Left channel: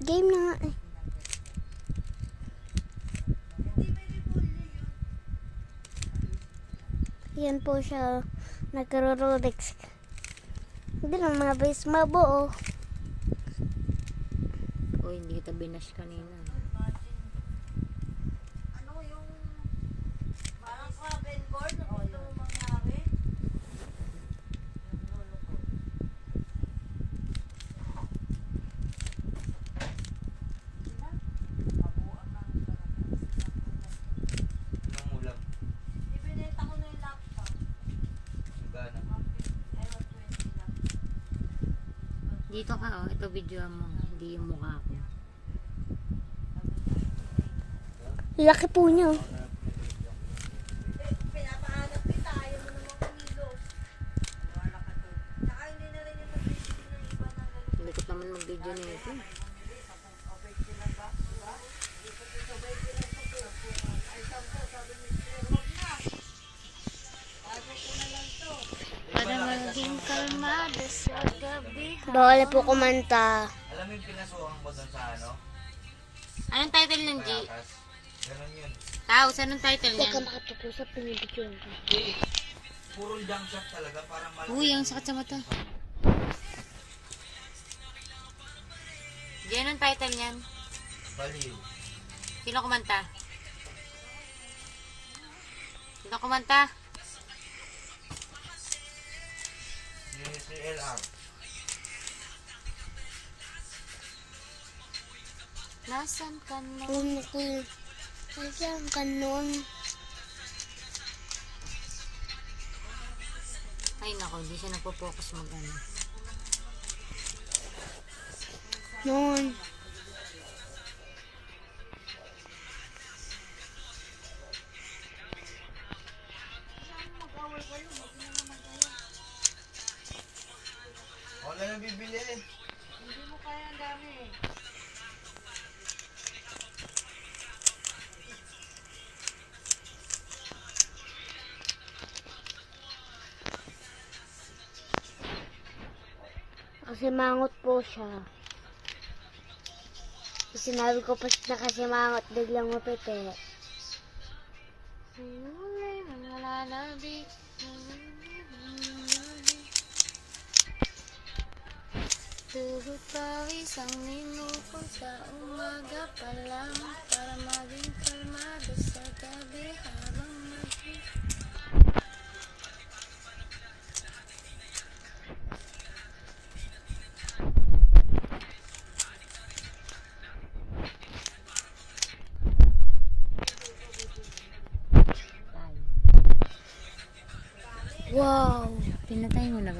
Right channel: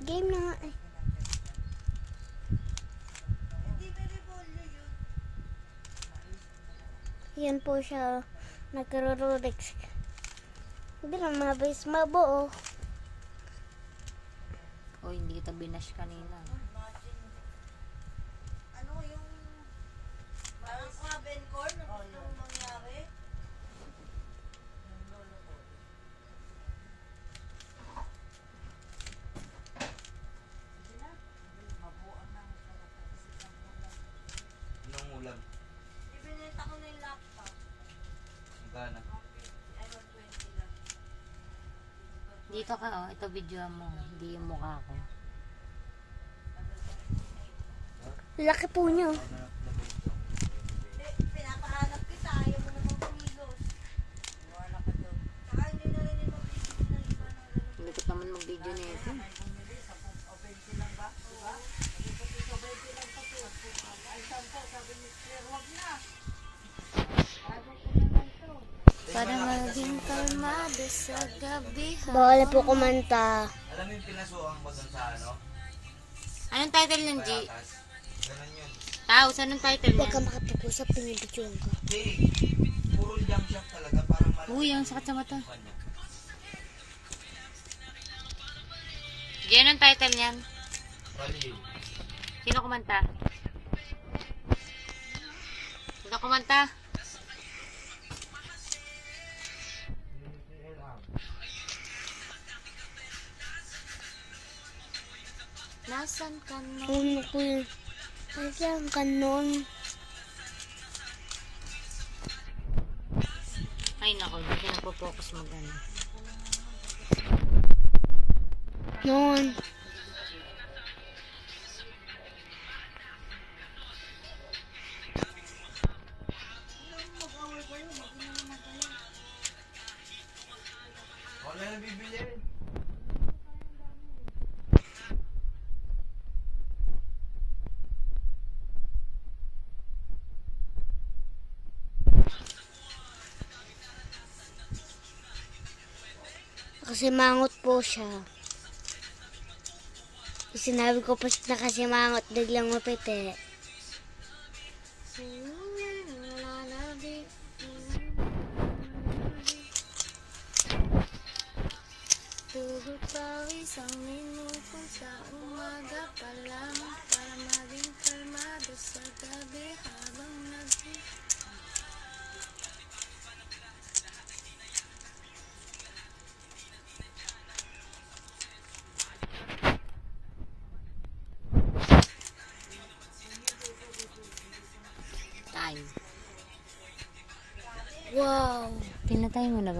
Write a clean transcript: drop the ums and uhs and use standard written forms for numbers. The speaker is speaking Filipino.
Game na nga eh. Yan po siya. Nagro-rolex. Hindi lang mabilis mabuo. O, hindi kita binash kanina. Ano yung parang cabin cord na gusto mo mangyari? Anong ulam? Ibinenta ko na yung laptop. Gana. Ewan, 20 lang. Dito ka, oh. Ito video mo. Hindi yung mukha ko. Laki po niya. Pinapahanap kita, ayaw mo naman kumilos. Wala ka doon. Saka hindi na rin yung mag-video na iba na gano'n. Hindi ko naman mag-video na ito. Para maging kalmado sa gabi. Bawal po kumanta. Alam mo yung pinasukan ko dun sa ano? Anong title ng G? Payatas. Ganun yun. Taos, anong title Huwag niya? ka makapag-usap, pinibidyoan ka. Hindi. Puro junk shop talaga. Parang malaki. Uy, ang sakit sa mata. G, anong title niyan? Baliw. Sino kumanta? Sino kumanta? CLR. Nasaan ka na? Ano ko yun? Nasaan ka nun? Ay, nako, hindi siya napopokus mag-ano. Nun. Wala na bibili. Kasi mangot po siya. Sinabi ko pa na kasi mangot, biglang mapiti. Tuhod pawis ang minukong sa umaga pa lang para maging kalmado sa gabi habang naging time. Wow! Pinatay mo na ba?